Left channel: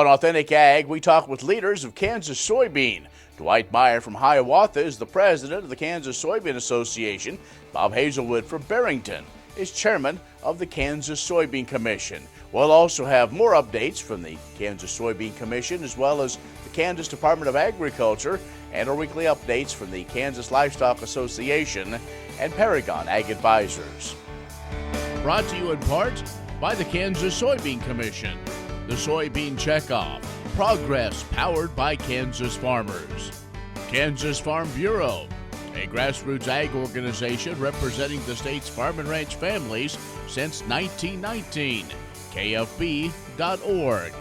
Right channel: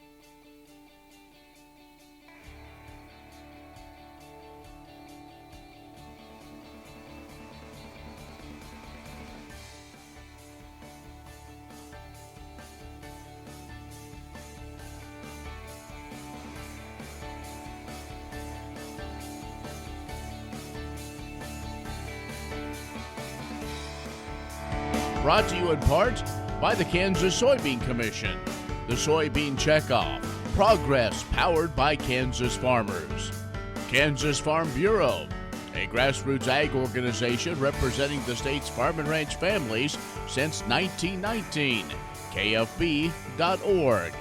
On Authentic Ag, we talk with leaders of Kansas Soybean. Dwight Meyer from Hiawatha is the president of the Kansas Soybean Association. Bob Haselwood from Barrington is chairman of the Kansas Soybean Commission. We'll also have more updates from the Kansas Soybean Commission as well as the Kansas Department of Agriculture and our weekly updates from the Kansas Livestock Association and Paragon Ag Advisors. Brought to you in part by the Kansas Soybean Commission, the Soybean Checkoff, progress powered by Kansas farmers. Kansas Farm Bureau, a grassroots ag organization representing the state's farm and ranch families since 1919. KFB.org.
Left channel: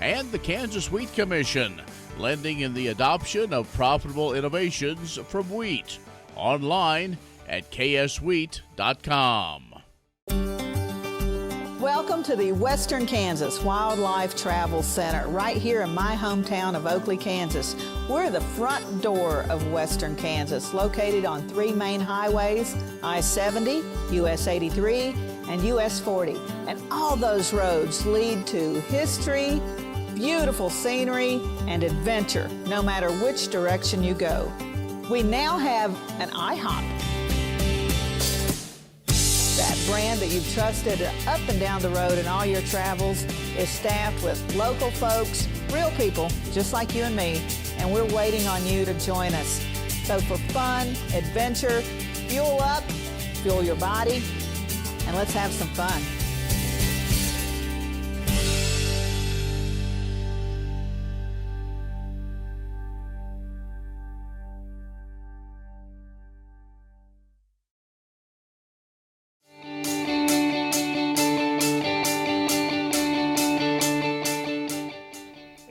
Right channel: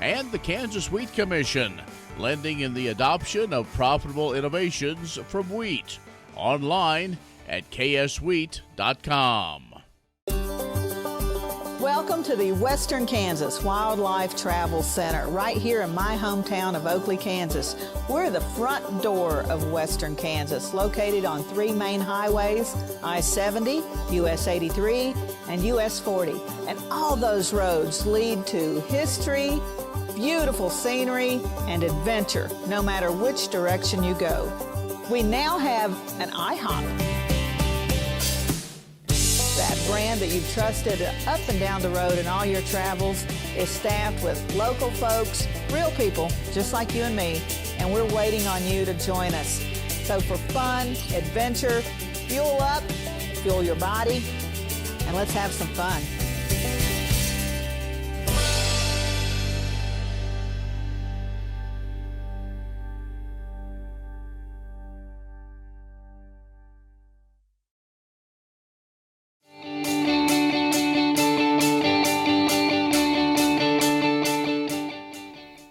And the Kansas Wheat Commission, lending in the adoption of profitable innovations from wheat. Online at kswheat.com. Welcome to the Western Kansas Wildlife Travel Center, right here in my hometown of Oakley, Kansas. We're the front door of Western Kansas, located on 3 main highways, I-70, US 83, and US 40. And all those roads lead to history, beautiful scenery, and adventure, no matter which direction you go. We now have an IHOP. That brand that you've trusted up and down the road in all your travels is staffed with local folks, real people, just like you and me, and we're waiting on you to join us. So for fun, adventure, fuel up, fuel your body, and let's have some fun.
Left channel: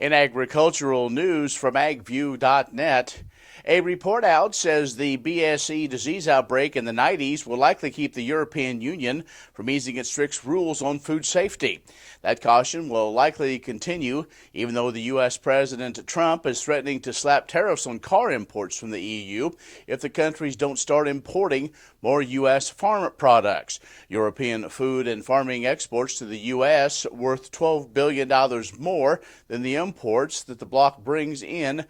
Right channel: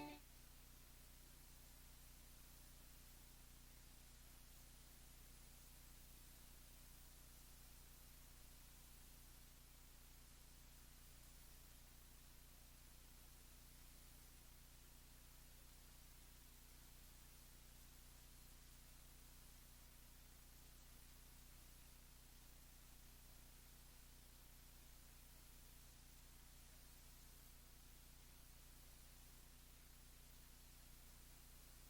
In agricultural news from agview.net, a report out says the BSE disease outbreak in the 90s will likely keep the European Union from easing its strict rules on food safety. That caution will likely continue, even though the U.S. President Trump is threatening to slap tariffs on car imports from the EU if the countries don't start importing more U.S. farm products. European food and farming exports to the U.S. worth $12 billion more than the imports that the bloc brings in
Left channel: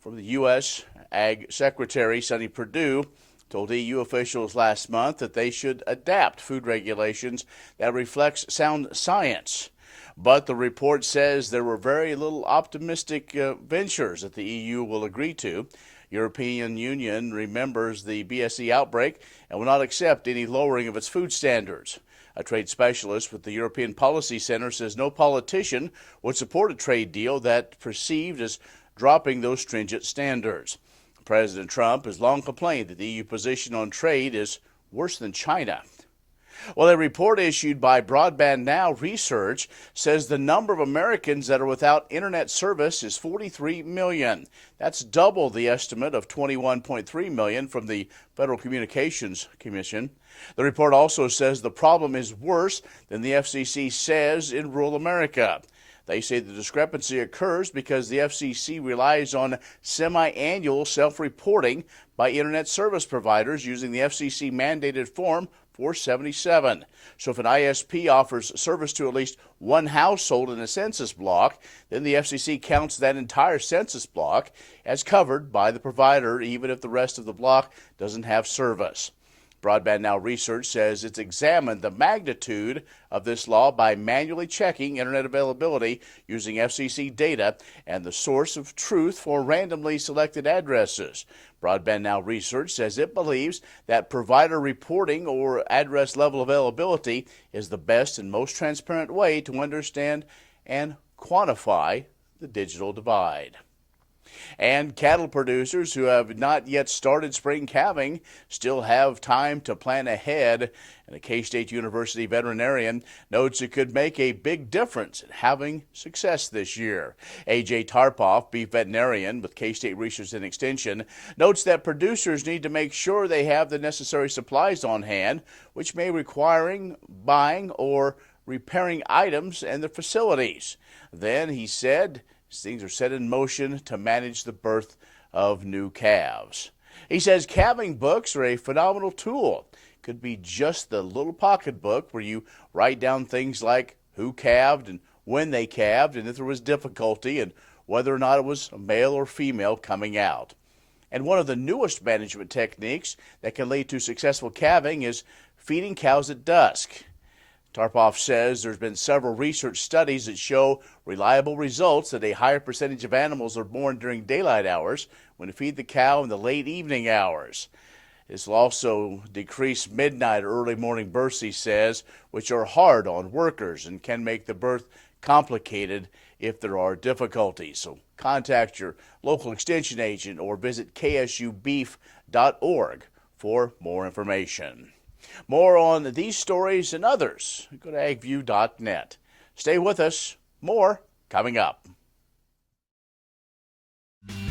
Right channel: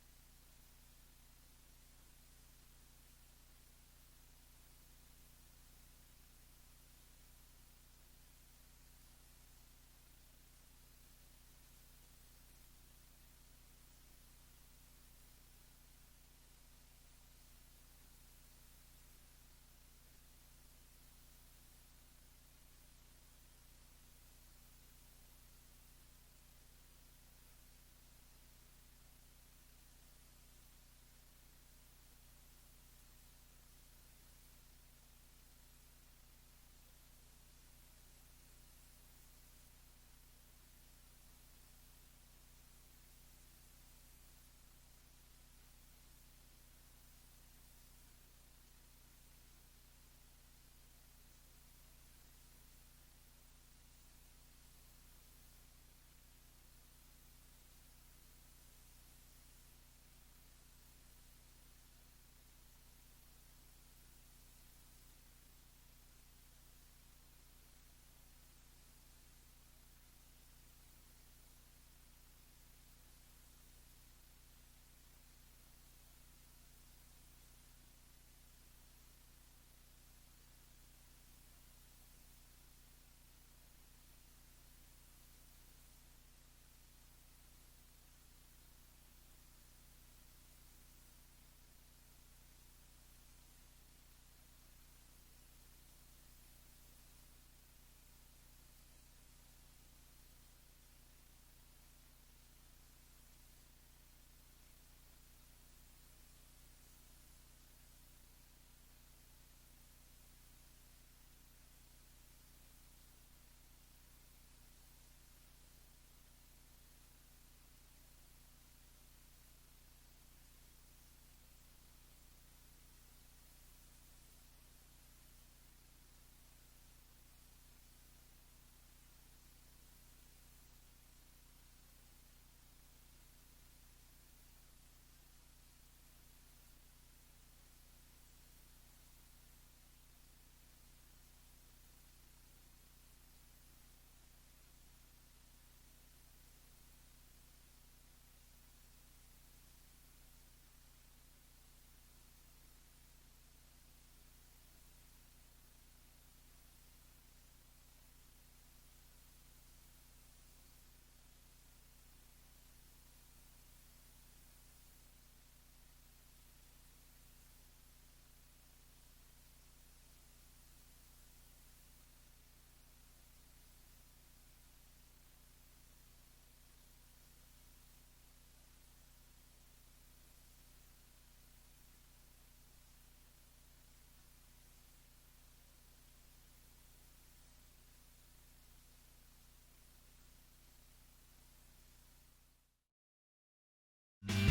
from the U.S. Ag Secretary Sonny Perdue told EU officials last month that they should adapt food regulations that reflects sound science. But the report says there were very little optimistic ventures that the EU will agree to. European Union remembers the BSE outbreak and will not accept any lowering of its food standards. A trade specialist with the European Policy Center says no politician would support a trade deal that perceived as dropping those stringent standards. President Trump has long complained that the EU position on trade is worse than China. Well, a report issued by Broadband Now Research says the number of Americans that are without internet service is 43 million. That's double the estimate of 21.3 million from the Federal Communications Commission. The report also says the problem is worse than the FCC says in rural America. They say the discrepancy occurs because the FCC relies on semi-annual self-reporting by internet service providers using the FCC mandated Form 477. So if an ISP offers service to at least one household in a census block, then the FCC counts that entire census block as covered by the provider, even if the rest of the block doesn't have service. Broadband Now Research says it's examined the magnitude of this law by manually checking internet availability using FCC data and the source of truth for randomly selected addresses. Broadband Now Research says it believes that provider reporting or address level availability is the best and most transparent way to understand and quantify the digital divide. And cattle producers who have not yet started spring calving still have time to plan ahead. And a K-State University veterinarian notes it could make a big difference in having success this year. A.J. Tarpoff, beef veterinarian with K-State Research and Extension, notes that producers need to make sure they have the necessary supplies on hand, which may require buying or repairing items and their facilities. Then, he said, things are set in motion to manage the birth of new calves. He says calving books are a phenomenal tool. Could be just the little pocketbook where you write down things like who calved and when they calved and if there was difficulty and whether or not it was a male or female coming out. And one of the newest management techniques that can lead to successful calving is feeding cows at dusk. Tarpoff says there's been several research studies that show reliable results that a higher percentage of animals are born during daylight hours when you feed the cow in the late evening hours. This will also decrease midnight or early morning births, he says, which are hard on workers and can make the birth complicated if there are difficulties. So contact your local extension agent or visit ksubeef.org for more information. More on these stories and others, go to agview.net. Stay with us. More coming up.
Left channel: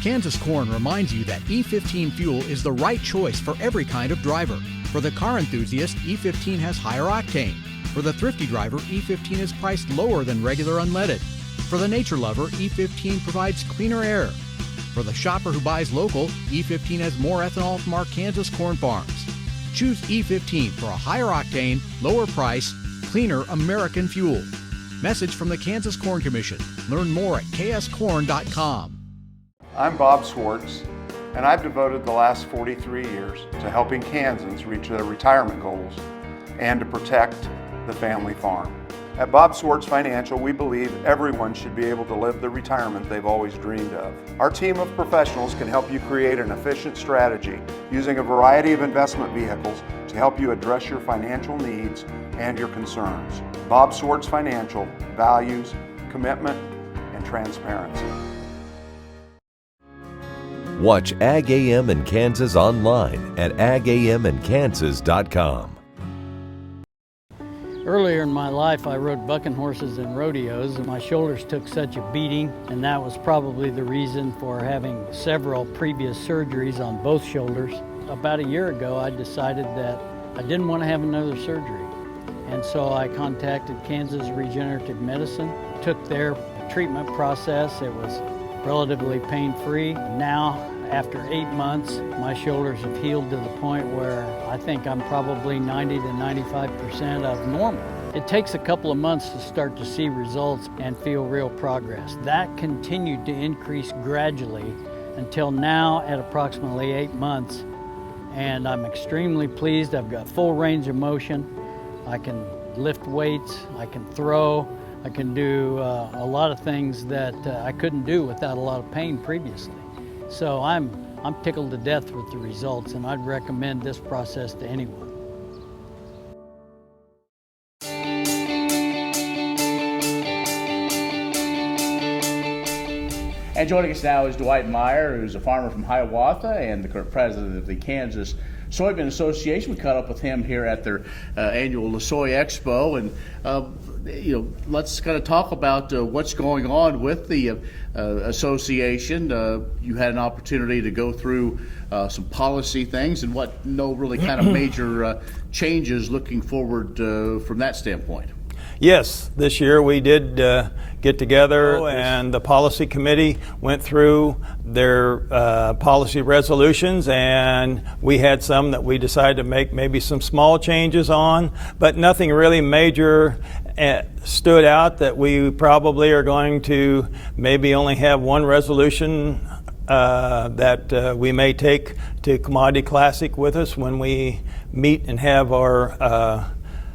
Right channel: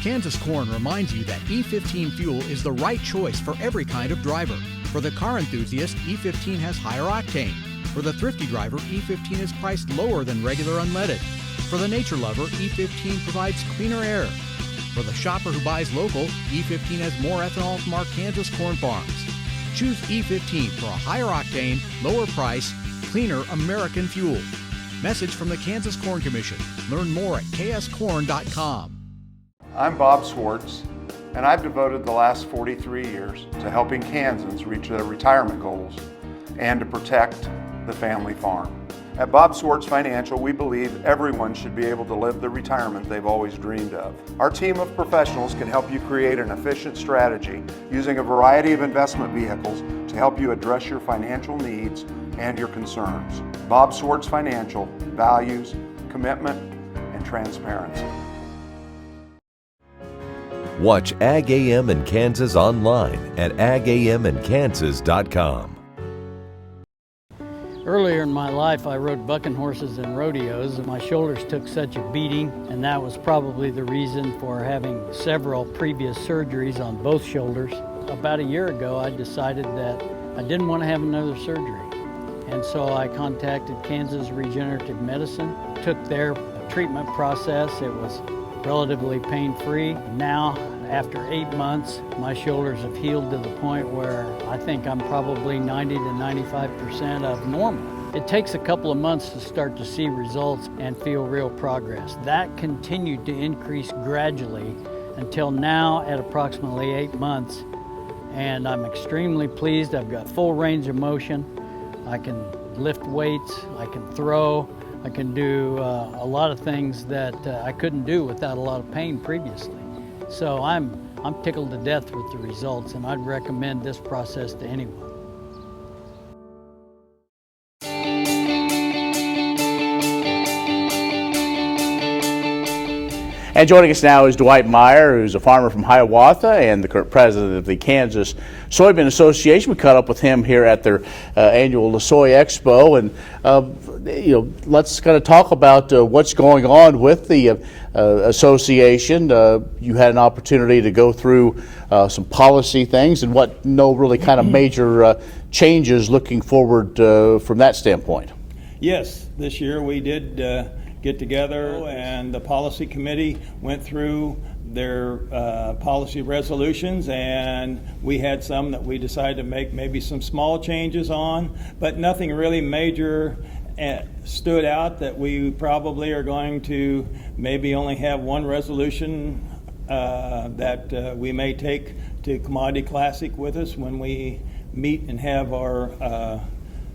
Kansas Corn reminds you that E15 fuel is the right choice for every kind of driver. For the car enthusiast, E15 has higher octane. For the thrifty driver, E15 is priced lower than regular unleaded. For the nature lover, E15 provides cleaner air. For the shopper who buys local, E15 has more ethanol from our Kansas corn farms. Choose E15 for a higher octane, lower price, cleaner American fuel. Message from the Kansas Corn Commission. Learn more at kscorn.com. I'm Bob Swartz, and I've devoted the last 43 years to helping Kansans reach their retirement goals and to protect the family farm. At Bob Swartz Financial, we believe everyone should be able to live the retirement they've always dreamed of. Our team of professionals can help you create an efficient strategy using a variety of investment vehicles to help you address your financial needs and your concerns. Bob Swartz Financial values commitment and transparency. Watch Ag AM in Kansas online at agamandkansas.com. Earlier in my life, I rode bucking horses in rodeos, and my shoulders took such a beating, and that was probably the reason for having several previous surgeries on both shoulders. About a year ago, I decided that I didn't want to have another surgery, and so I contacted Kansas Regenerative Medicine, took their treatment process. It was relatively pain-free. Now, after 8 months, my shoulders have healed to the point where I think I'm probably 90 to 95% of normal. It takes a couple of months to start to see results and feel real progress. That continued to increase gradually until now at approximately 8 months. And I'm extremely pleased. I've got full range of motion. I can lift weights, I can throw, I can do a lot of things that I couldn't do without a lot of pain previously. So I'm tickled to death with the results, and I'd recommend this process to anyone. And joining us now is Dwight Meyer, who's a farmer from Hiawatha and the current president of the Kansas Soybean Association. We caught up with him here at their annual Soy Expo, and let's kind of talk about what's going on with the association. You had an opportunity to go through some policy things and what really kind of major changes looking forward from that standpoint. Yes, this year we did get together, and the policy committee went through their policy resolutions, and we had some that we decided to make maybe some small changes on, but nothing really major stood out that we probably are going to maybe only have one resolution that we may take to Commodity Classic with us when we meet and have our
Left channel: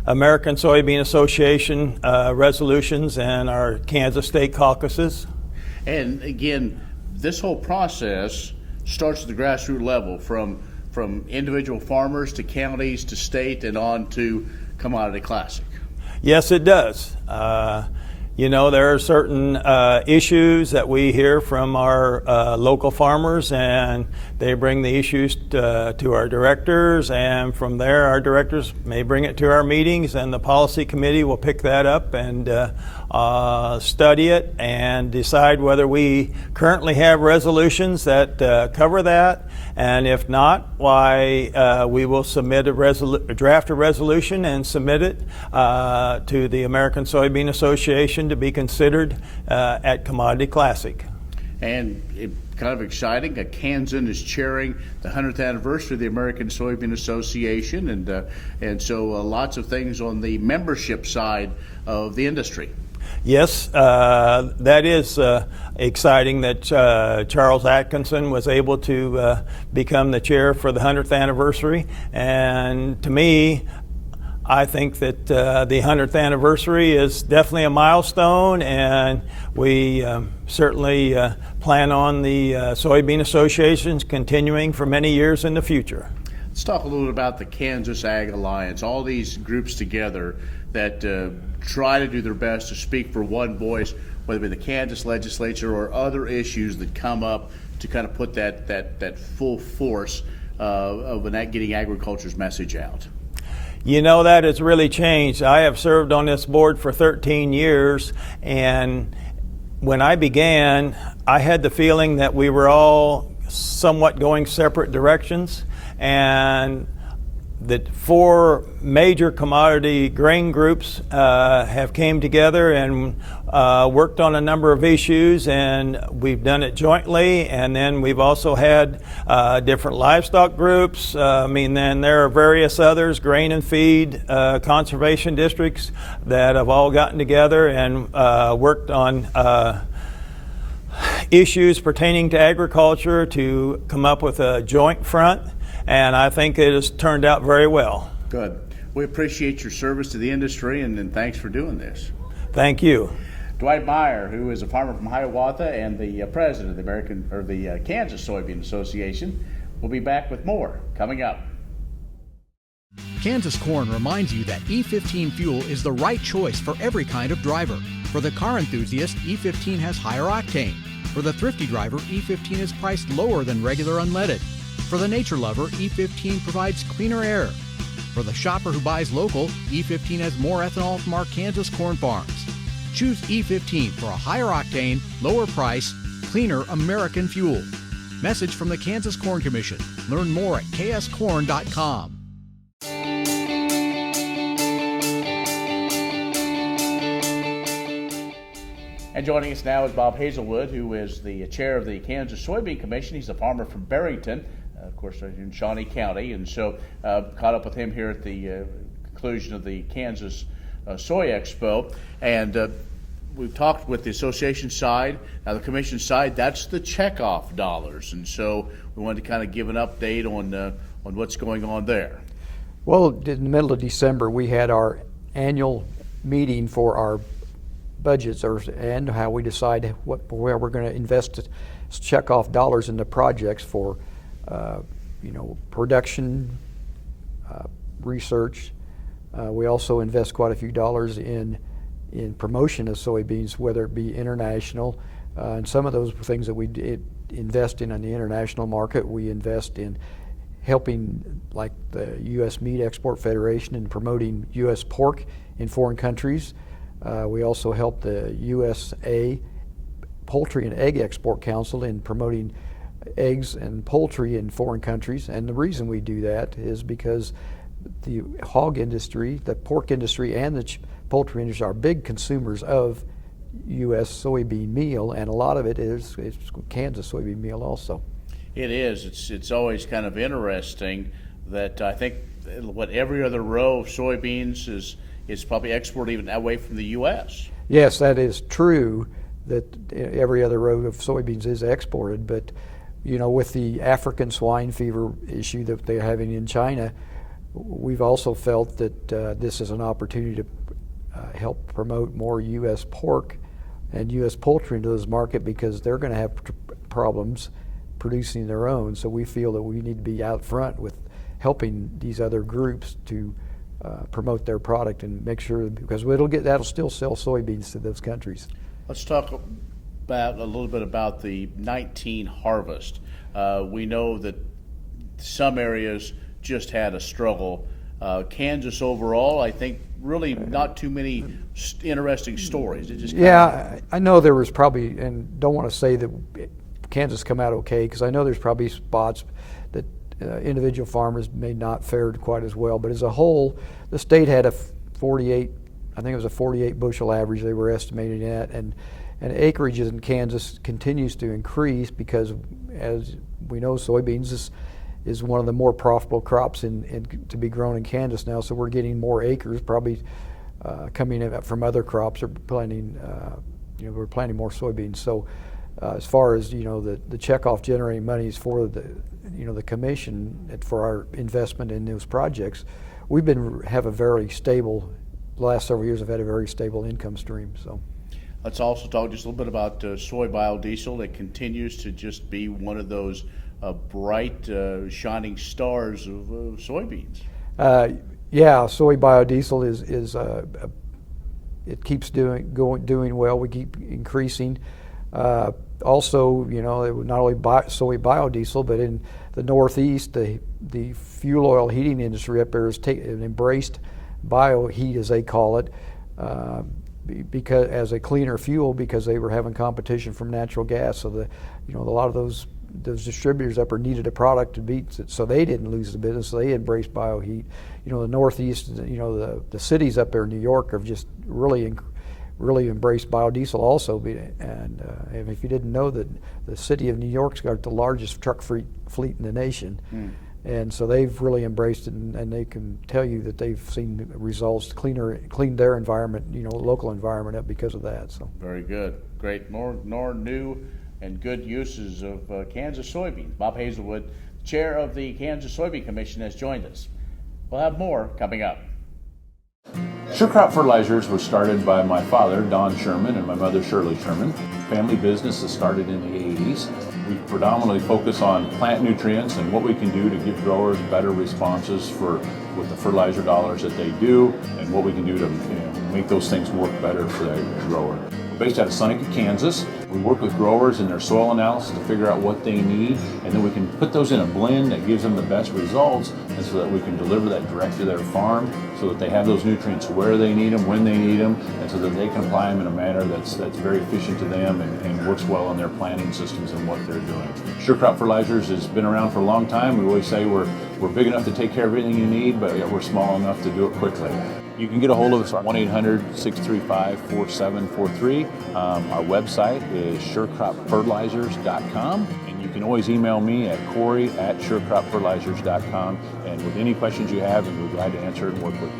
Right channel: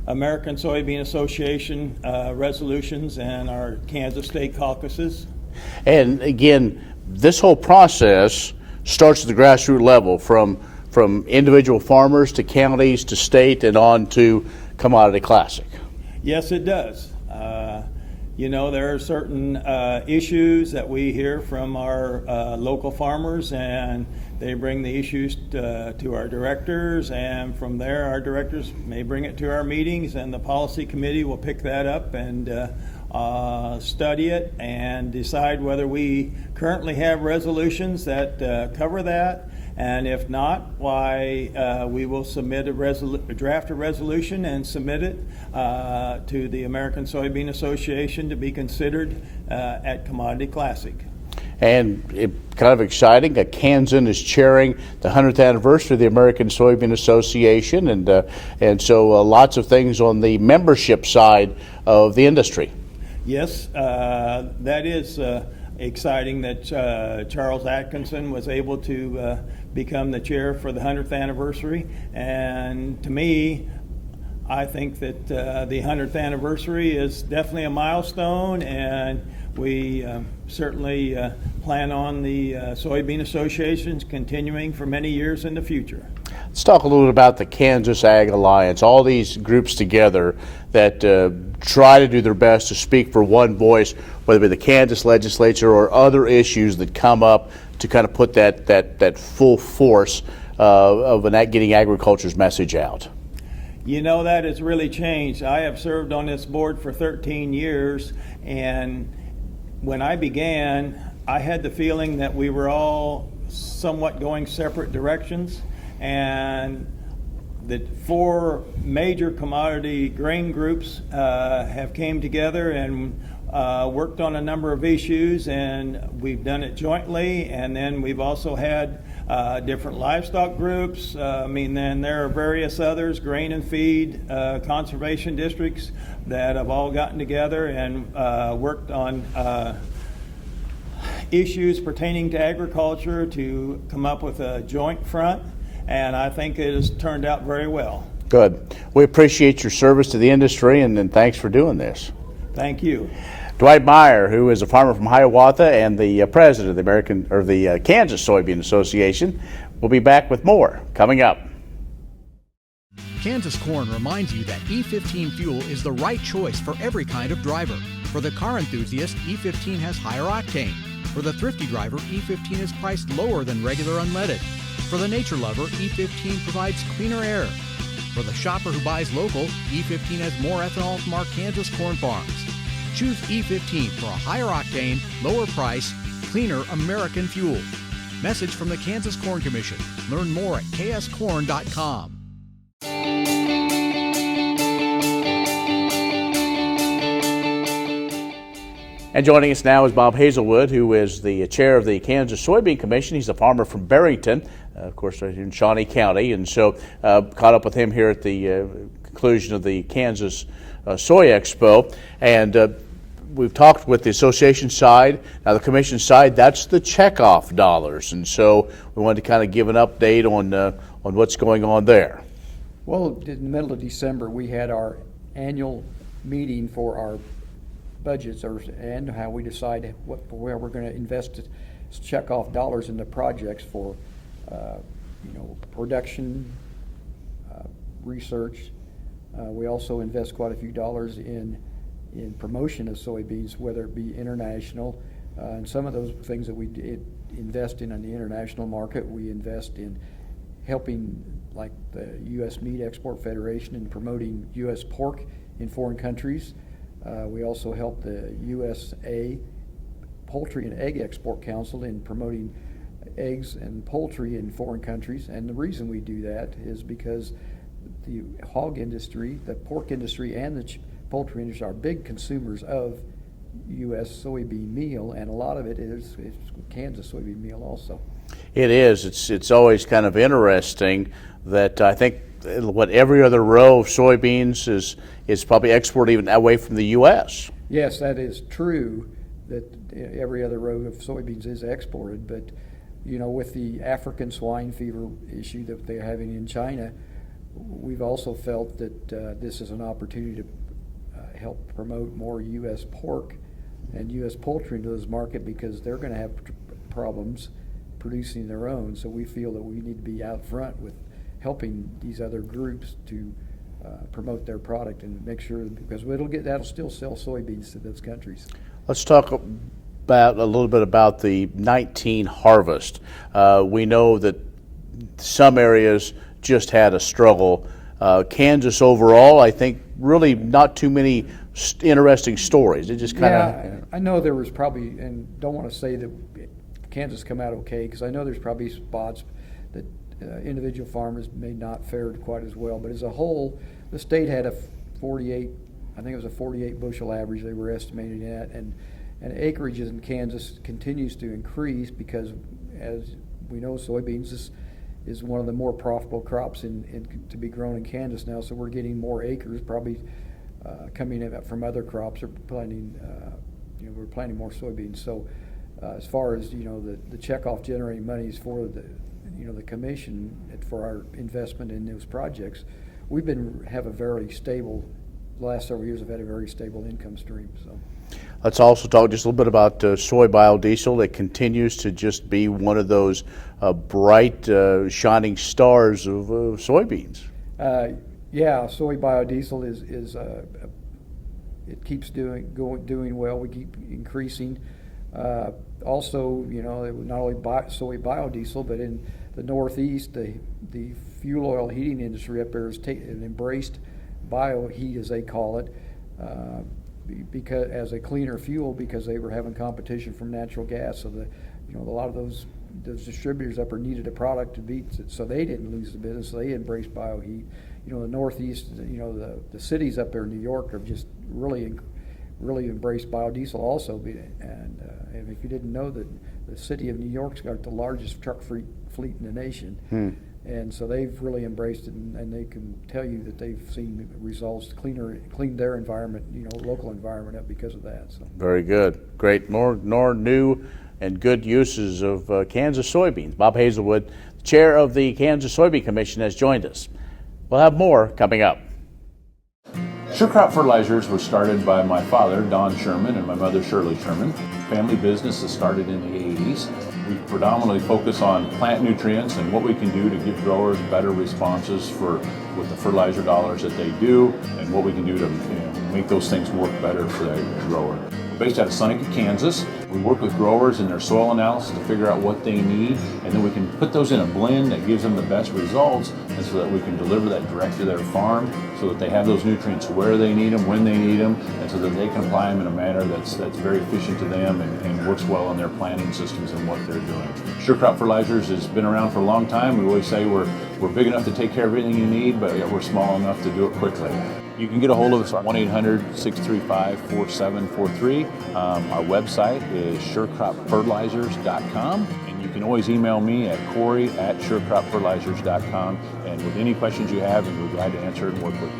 American Soybean Association resolutions and our Kansas State caucuses. And again, this whole process starts at the grassroots level, from individual farmers to counties to state and on to Commodity Classic. Yes, it does. There are certain issues that we hear from our local farmers, and they bring the issues to our directors, and from there our directors may bring it to our meetings, and the policy committee will pick that up and study it and decide whether we currently have resolutions that cover that, and if not, why we will submit draft a resolution and submit it to the American Soybean Association to be considered at Commodity Classic. And kind of exciting, a Kansan is chairing the 100th anniversary of the American Soybean Association, and so lots of things on the membership side of the industry. Yes, that is exciting that Charles Atkinson was able to become the chair for the 100th anniversary. And to me, I think that the 100th anniversary is definitely a milestone, and we certainly plan on the Soybean Associations continuing for many years in the future. Let's talk a little bit about the Kansas Ag Alliance, all these groups together that try to do their best to speak for one voice, whether it be the Kansas legislature or other issues that come up to kind of put that full force of getting agriculture's message out. You know, that has really changed. I have served on this board for 13 years, and when I began, I had the feeling that we were all somewhat going separate directions, and the 4 major commodity grain groups have came together and worked on a number of issues, and we've done it jointly. And then we've also had different livestock groups. Then there are various others, grain and feed, conservation districts that have all gotten together and worked on issues pertaining to agriculture to come up with a joint front. And I think it has turned out very well. Good. We appreciate your service to the industry, and thanks for doing this. Thank you. Dwight Meyer, who is a farmer from Hiawatha and the president of the Kansas Soybean Association, will be back with more coming up. Kansas Corn reminds you that E15 fuel is the right choice for every kind of driver. For the car enthusiast, E15 has higher octane. For the thrifty driver, E15 is priced lower than regular unleaded. For the nature lover, E15 provides cleaner air. For the shopper who buys local, E15 has more ethanol from our Kansas corn farms. Choose E15 for a higher octane, lower price, cleaner American fuel. Message from the Kansas Corn Commission. Learn more at kscorn.com. And joining us now is Bob Haselwood, who is the chair of the Kansas Soybean Commission. He's a farmer from Barrington, of course, in Shawnee County, and so caught up with him here at the conclusion of the Kansas Soy Expo. And we've talked with the association side. Now the commission side, that's the checkoff dollars, and so we wanted to kind of give an update on what's going on there. Well, in the middle of December, we had our annual meeting for our budgets and how we decide where we're going to invest checkoff dollars into projects for production, research. We also invest quite a few dollars in promotion of soybeans, whether it be international, and some of those things that we invest in the international market. We invest in helping, like the U.S. Meat Export Federation, in promoting U.S. pork in foreign countries. We also help the USA Poultry and Egg Export Council in promoting eggs and poultry in foreign countries. And the reason we do that is because the hog industry, the pork industry, and the poultry industry are big consumers of U.S. soybean meal, and a lot of it is Kansas soybean meal also. It is. It's always kind of interesting that I think every other row of soybeans is probably exported even away from the U.S. Yes, that is true, that every other row of soybeans is exported, but with the African swine fever issue that they're having in China, we've also felt that this is an opportunity to help promote more U.S. pork and U.S. poultry into this market, because they're going to have problems producing their own. So we feel that we need to be out front with helping these other groups to promote their product and make sure, because that'll still sell soybeans to those countries. Let's talk a little bit about the 19 harvest. We know that some areas just had a struggle. Kansas overall, I think, really not too many interesting stories. It just I know there was probably, and don't want to say that Kansas come out okay, because I know there's probably spots that individual farmers may not fared quite as well, but as a whole, the state had a 48 bushel average they were estimating at, and acreage in Kansas continues to increase because, as we know, soybeans is one of the more profitable crops to be grown in Kansas now, so we're getting more acres, probably coming in from other crops are planting, we're planting more soybeans. So as far as, the checkoff generating monies for the commission for our investment in those projects, have a very stable, the last several years have had a very stable income stream. So. Let's also talk just a little bit about soy biodiesel. It continues to just be one of those bright, shining stars of soybeans. Soy biodiesel is it keeps doing well. We keep increasing. Also, not only soy biodiesel, but in the Northeast, the fuel oil heating industry up there has embraced bioheat, as they call it, because as a cleaner fuel, because they were having competition from natural gas. So a lot of those distributors up there needed a product to beat, so they didn't lose the business. So they embraced bioheat. The Northeast, the cities up there in New York have just really embraced biodiesel also. And if you didn't know that the city of New York's got the largest truck fleet in the nation. And so they've really embraced it, and they can tell you that they've seen results, clean their environment, local environment up because of that. So very good, great, more new and good uses of Kansas soybeans. Bob Haselwood, chair of the Kansas Soybean Commission, has joined us. We'll have more coming up. Sure Crop Fertilizers was started by my father, Don Sherman, and my mother, Shirley Sherman. Family business that started in the 80s. We predominantly focus on plant nutrients and what we can do to give growers better responses with the fertilizer dollars that they do, and what we can do to make those things work better for the grower. We're based out of Seneca, Kansas. We work with growers in their soil analysis to figure out what they need, and then we can put those in a blend that gives them the best results, and so that we can deliver that direct to their farm so that they have those nutrients where they need them, when they need them, and so that they can apply them in a manner that's very efficient to them and works well in their planting systems and what they're doing. Sure Crop Fertilizers has been around for a long time. We always say we're big enough to take care of everything you need, but yet we're small enough to do it quickly. You can get a hold of us at 1-800-635-4743. Our website is surecropfertilizers.com, and you can always email me at Corey@surecropfertilizers.com, and with any questions you have, we're glad to answer and work with you.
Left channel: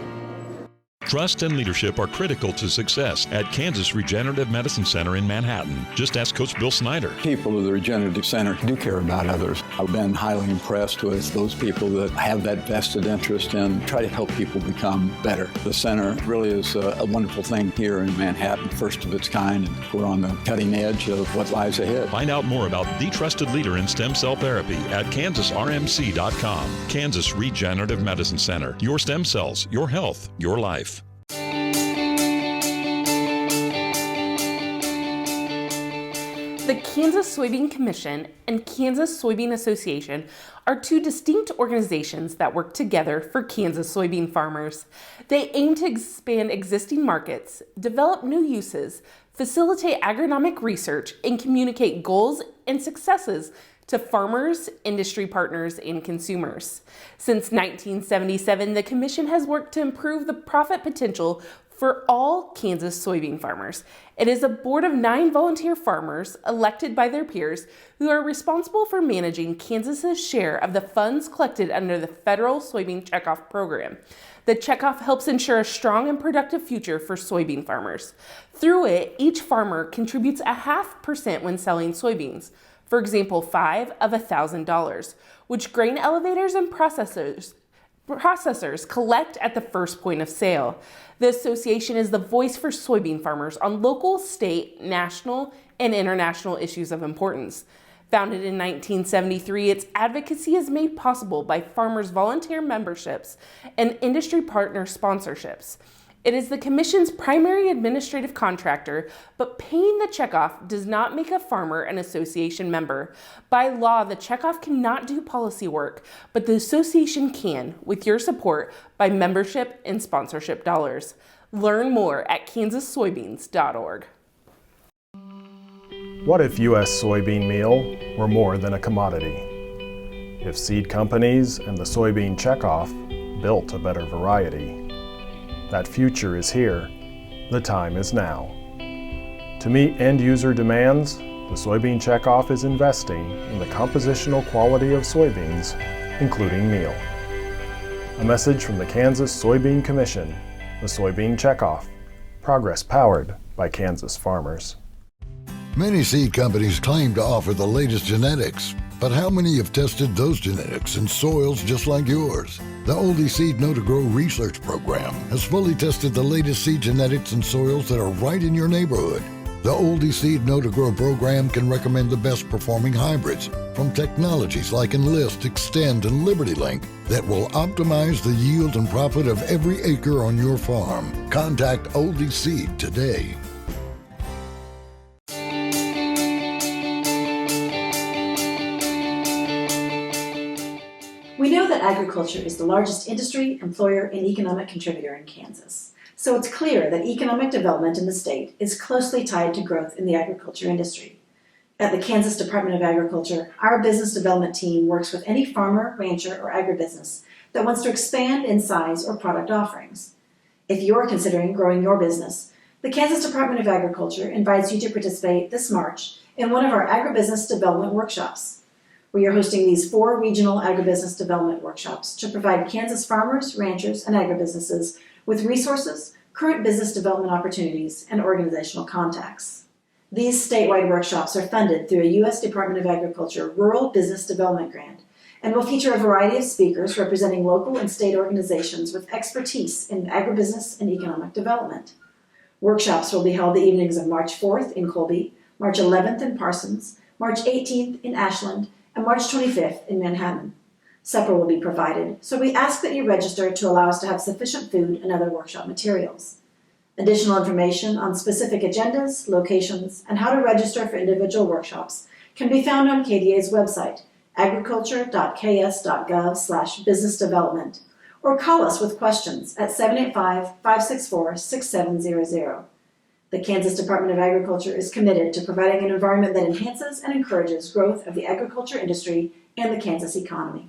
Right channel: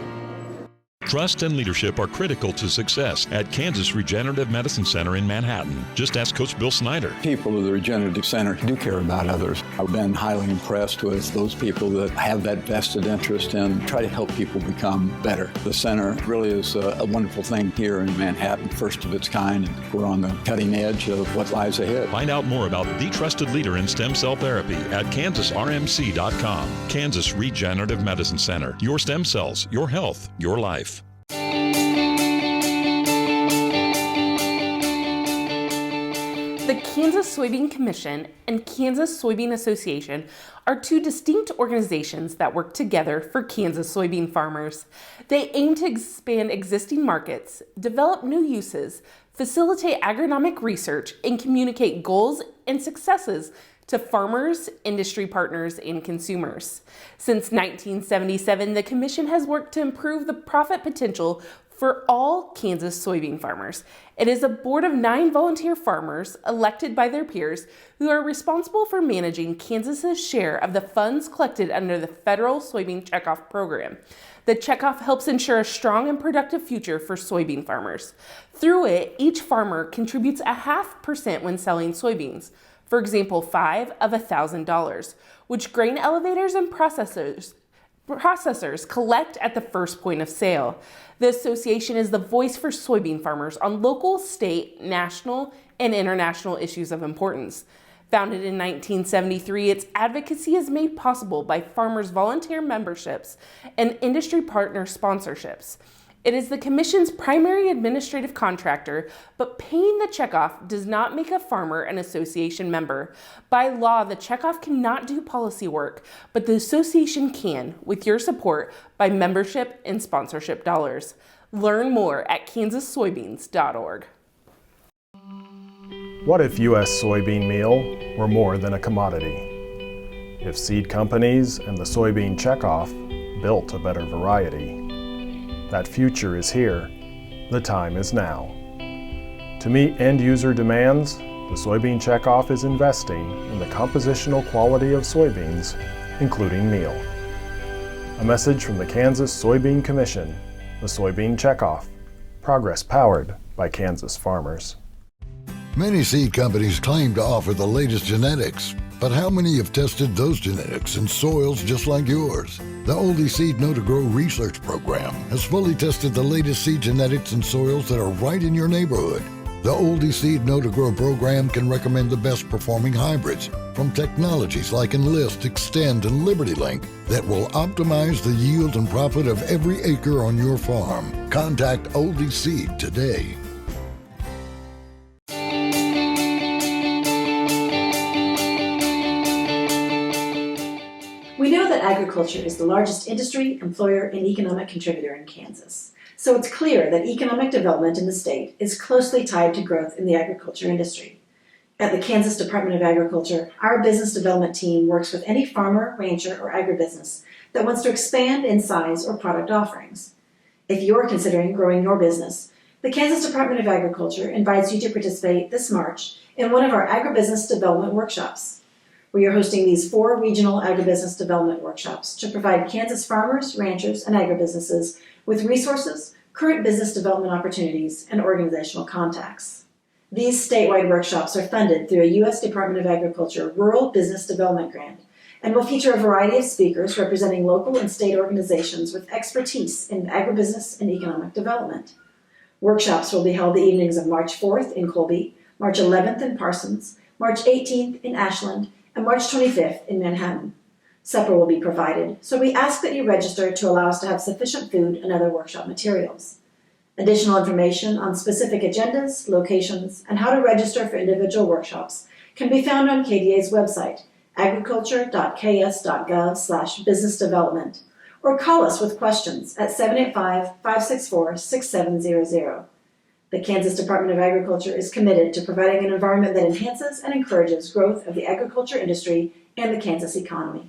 Trust and leadership are critical to success at Kansas Regenerative Medicine Center in Manhattan. Just ask Coach Bill Snyder. People of the Regenerative Center do care about others. I've been highly impressed with those people that have that vested interest and try to help people become better. The center really is a wonderful thing here in Manhattan, first of its kind, and we're on the cutting edge of what lies ahead. Find out more about the trusted leader in stem cell therapy at kansasrmc.com. Kansas Regenerative Medicine Center. Your stem cells, your health, your life. The Kansas Soybean Commission and Kansas Soybean Association are two distinct organizations that work together for Kansas soybean farmers. They aim to expand existing markets, develop new uses, facilitate agronomic research, and communicate goals and successes to farmers, industry partners, and consumers. Since 1977, the Commission has worked to improve the profit potential for all Kansas soybean farmers. It is a board of 9 volunteer farmers elected by their peers who are responsible for managing Kansas's share of the funds collected under the federal soybean checkoff program. The checkoff helps ensure a strong and productive future for soybean farmers. Through it, each farmer contributes 0.5% when selling soybeans. For example, $5 of $1,000, which grain elevators and processors collect at the first point of sale. The association is the voice for soybean farmers on local, state, national, and international issues of importance. Founded in 1973, its advocacy is made possible by farmers' volunteer memberships and industry partner sponsorships. It is the Commission's primary administrative contractor, but paying the checkoff does not make a farmer an association member. By law, the checkoff cannot do policy work, but the association can, with your support, by membership and sponsorship dollars. Learn more at kansassoybeans.org. What if U.S. soybean meal were more than a commodity? If seed companies and the soybean checkoff built a better variety? That future is here. The time is now. To meet end-user demands, the soybean checkoff is investing in the compositional quality of soybeans, including meal. A message from the Kansas Soybean Commission The Soybean Checkoff. Progress powered by Kansas farmers. Many seed companies claim to offer the latest genetics, but how many have tested those genetics in soils just like yours? The Oldie Seed Know to Grow research program has fully tested the latest seed genetics in soils that are right in your neighborhood. The Oldie Seed Know to Grow program can recommend the best performing hybrids from technologies like Enlist, Extend, and LibertyLink that will optimize the yield and profit of every acre on your farm. Contact Oldie Seed today. We know that agriculture is the largest industry, employer, and economic contributor in Kansas. So it's clear that economic development in the state is closely tied to growth in the agriculture industry. At the Kansas Department of Agriculture, our business development team works with any farmer, rancher, or agribusiness that wants to expand in size or product offerings. If you're considering growing your business, the Kansas Department of Agriculture invites you to participate this March in one of our agribusiness development workshops. We are hosting these 4 regional agribusiness development workshops to provide Kansas farmers, ranchers, and agribusinesses with resources, current business development opportunities, and organizational contacts. These statewide workshops are funded through a U.S. Department of Agriculture Rural Business Development Grant and will feature a variety of speakers representing local and state organizations with expertise in agribusiness and economic development. Workshops will be held the evenings of March 4th in Colby, March 11th in Parsons, March 18th in Ashland, and March 25th in Manhattan. Supper will be provided, so we ask that you register to allow us to have sufficient food and other workshop materials. Additional information on specific agendas, locations, and how to register for individual workshops can be found on KDA's website, agriculture.ks.gov/businessdevelopment, or call us with questions at 785-564-6700. The Kansas Department of Agriculture is committed to providing an environment that enhances and encourages growth of the agriculture industry and the Kansas economy.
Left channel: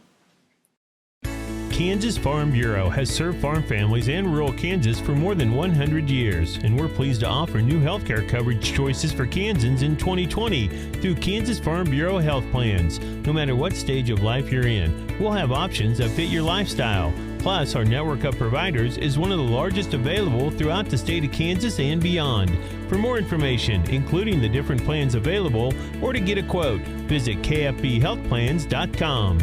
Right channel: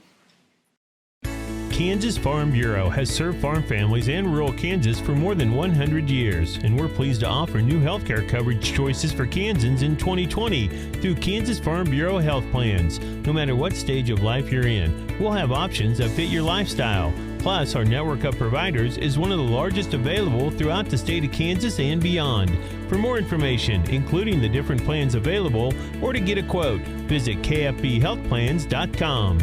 Kansas Farm Bureau has served farm families and rural Kansas for more than 100 years, and we're pleased to offer new healthcare coverage choices for Kansans in 2020 through Kansas Farm Bureau health plans. No matter what stage of life you're in, we'll have options that fit your lifestyle. Plus, our network of providers is one of the largest available throughout the state of Kansas and beyond. For more information, including the different plans available, or to get a quote, visit kfbhealthplans.com.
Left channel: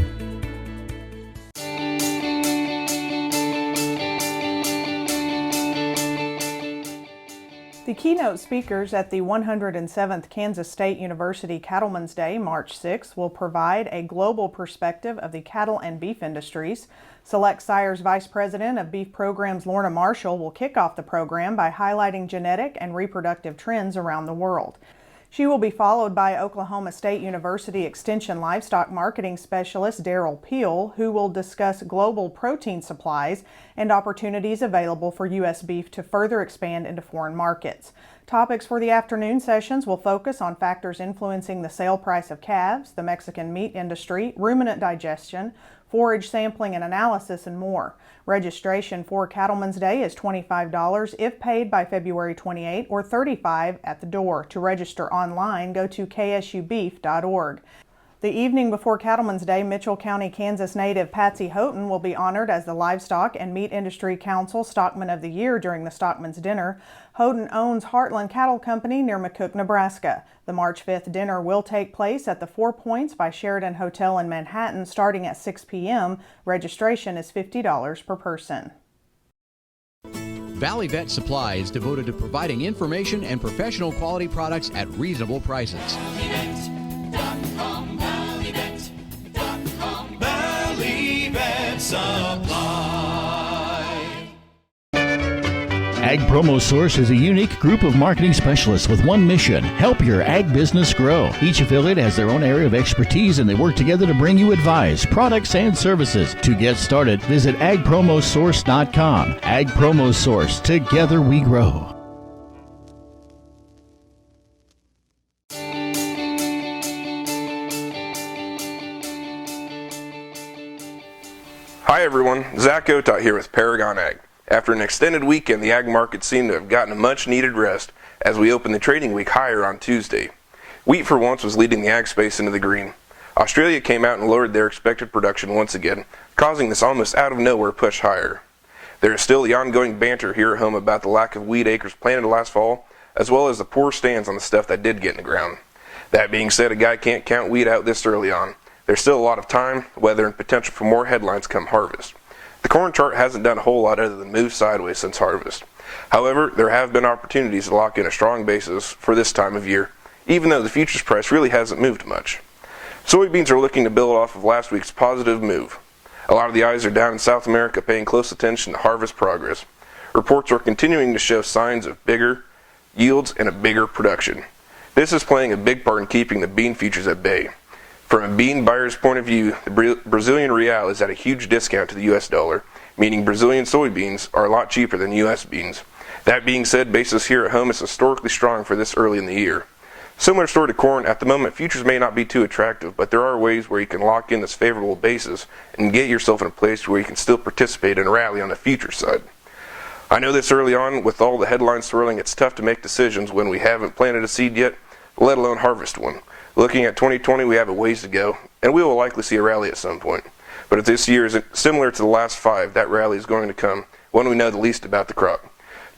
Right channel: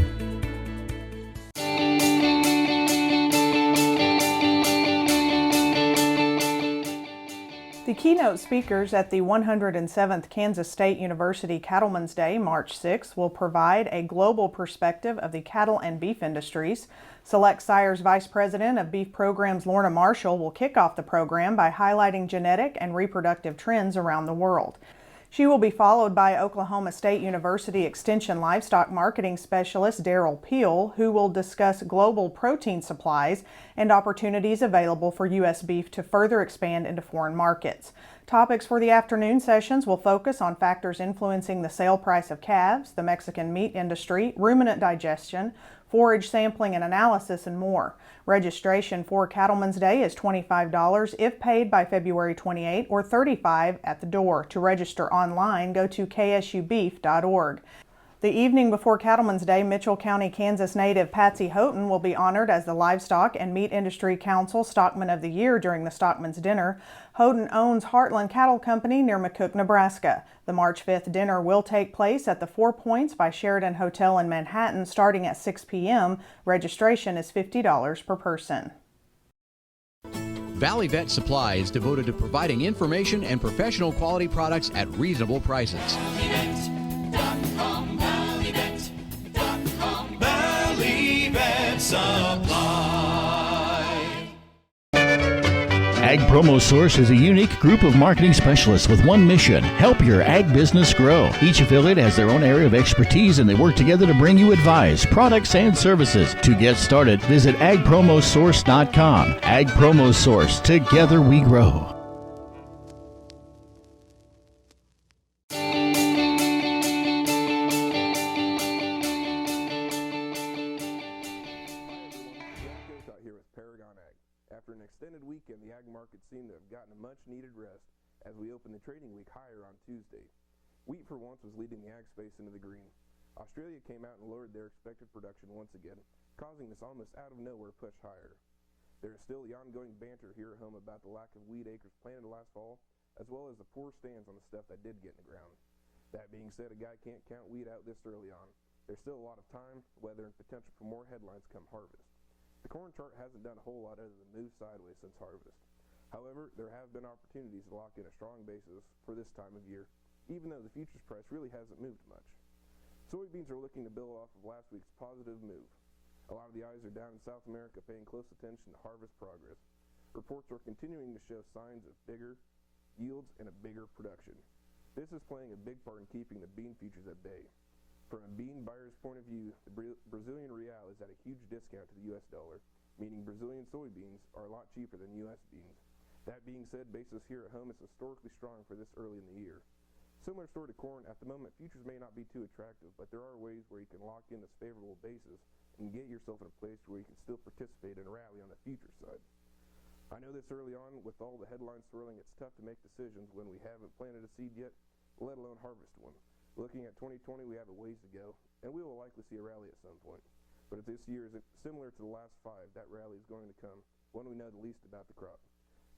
The keynote speakers at the 107th Kansas State University Cattlemen's Day, March 6, will provide a global perspective of the cattle and beef industries. Select Sire's Vice President of Beef Programs, Lorna Marshall, will kick off the program by highlighting genetic and reproductive trends around the world. She will be followed by Oklahoma State University Extension Livestock Marketing Specialist Daryl Peel, who will discuss global protein supplies and opportunities available for U.S. beef to further expand into foreign markets. Topics for the afternoon sessions will focus on factors influencing the sale price of calves, the Mexican meat industry, ruminant digestion, forage sampling and analysis, and more. Registration for Cattlemen's Day is $25 if paid by February 28 or $35 at the door. To register online, go to ksubeef.org. The evening before Cattlemen's Day, Mitchell County, Kansas native Patsy Houghton will be honored as the Livestock and Meat Industry Council Stockman of the Year during the Stockman's Dinner. Houghton owns Heartland Cattle Company near McCook, Nebraska. The March 5th dinner will take place at the 4 Points by Sheridan Hotel in Manhattan starting at 6 p.m. Registration is $50 per person. Valley Vet Supply is devoted to providing information and professional quality products at reasonable prices. Valley Vet Supply. Ag Promo Source is a unique group of marketing specialists with one mission: help your ag business grow. Each affiliate has their own area of expertise, and they work together to bring you advice, products, and services. To get started, visit agpromosource.com. Ag Promo Source. Together we grow. Hi everyone, Zach Otot here with Paragon Ag. After an extended weekend, the ag markets seem to have gotten a much needed rest as we open the trading week higher on Tuesday. Wheat for once was leading the ag space into the green. Australia came out and lowered their expected production once again, causing this almost out of nowhere push higher. There is still the ongoing banter here at home about the lack of wheat acres planted last fall, as well as the poor stands on the stuff that did get in the ground. That being said, a guy can't count wheat out this early on. There's still a lot of time, weather, and potential for more headlines come harvest. The corn chart hasn't done a whole lot other than move sideways since harvest. However, there have been opportunities to lock in a strong basis for this time of year, even though the futures price really hasn't moved much. Soybeans are looking to build off of last week's positive move. A lot of the eyes are down in South America paying close attention to harvest progress. Reports are continuing to show signs of bigger yields and a bigger production. This is playing a big part in keeping the bean futures at bay. From a bean buyer's point of view, the Brazilian real is at a huge discount to the US dollar, meaning Brazilian soybeans are a lot cheaper than US beans. That being said, basis here at home is historically strong for this early in the year. Similar story to corn, at the moment futures may not be too attractive, but there are ways where you can lock in this favorable basis and get yourself in a place where you can still participate in a rally on the futures side. I know this early on, with all the headlines swirling, it's tough to make decisions when we haven't planted a seed yet, let alone harvest one. Looking at 2020, we have a ways to go, and we will likely see a rally at some point. But if this year is similar to the last 5, that rally is going to come when we know the least about the crop.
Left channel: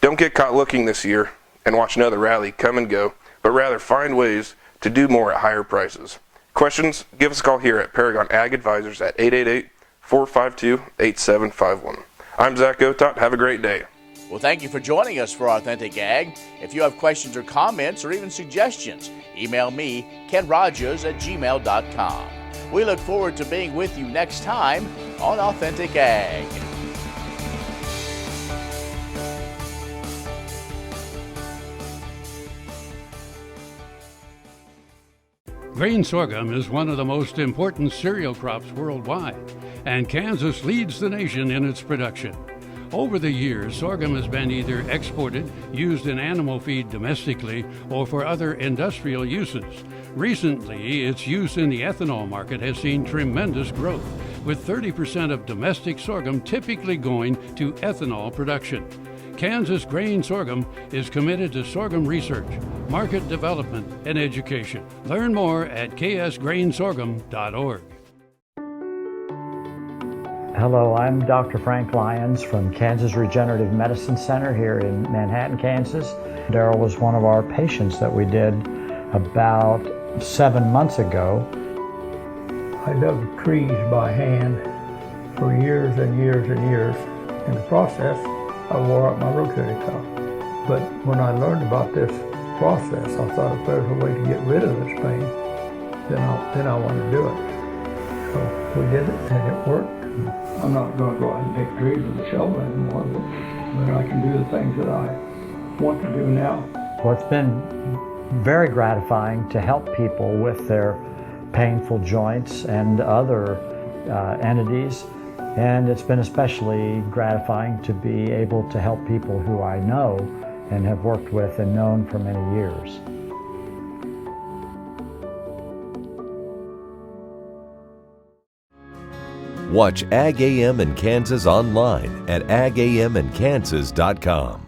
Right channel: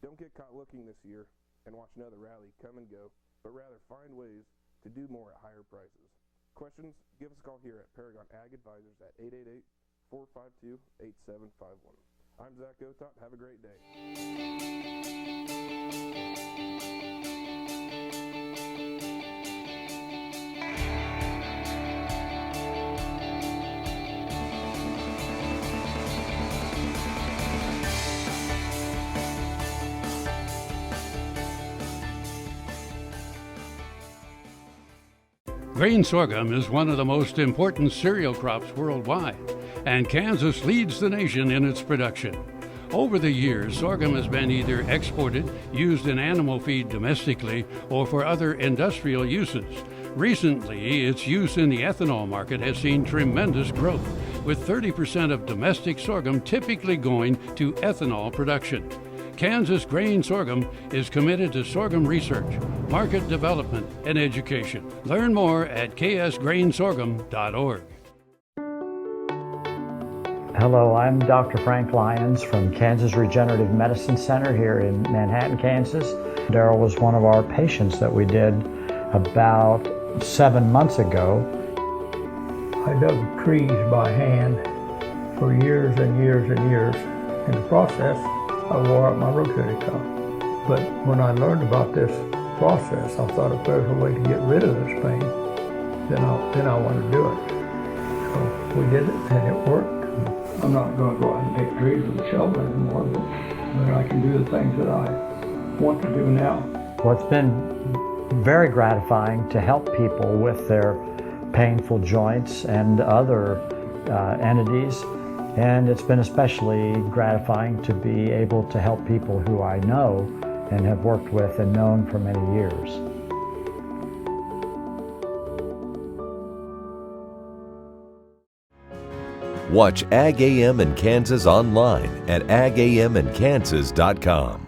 Don't get caught looking this year and watch another rally come and go, but rather find ways to do more at higher prices. Questions? Give us a call here at Paragon Ag Advisors at 888-452-8751. I'm Zach Otot. Have a great day. Well, thank you for joining us for Authentic Ag. If you have questions or comments or even suggestions, email me, Ken Rahjes at gmail.com. We look forward to being with you next time on Authentic Ag. Grain sorghum is one of the most important cereal crops worldwide, and Kansas leads the nation in its production. Over the years, sorghum has been either exported, used in animal feed domestically, or for other industrial uses. Recently, its use in the ethanol market has seen tremendous growth, with 30% of domestic sorghum typically going to ethanol production. Kansas Grain Sorghum is committed to sorghum research, market development, and education. Learn more at ksgrainsorghum.org. Hello, I'm Dr. Frank Lyons from Kansas Regenerative Medicine Center here in Manhattan, Kansas. Daryl was one of our patients that we did about 7 months ago. I dug trees by hand for years and years and years. In the process, I wore out my rotating cuff. But when I learned about this process, I thought if there's a way to get rid of this pain, then I want to do it. So we did it, and it worked. I'm not going to go out and take trees with a shovel anymore, but I can do the things that I want to do now. Well, it's been very gratifying to help people with their painful joints and other entities. And it's been especially gratifying to be able to help people who I know and have worked with and known for many years. Watch Ag AM in Kansas online at agamandkansas.com.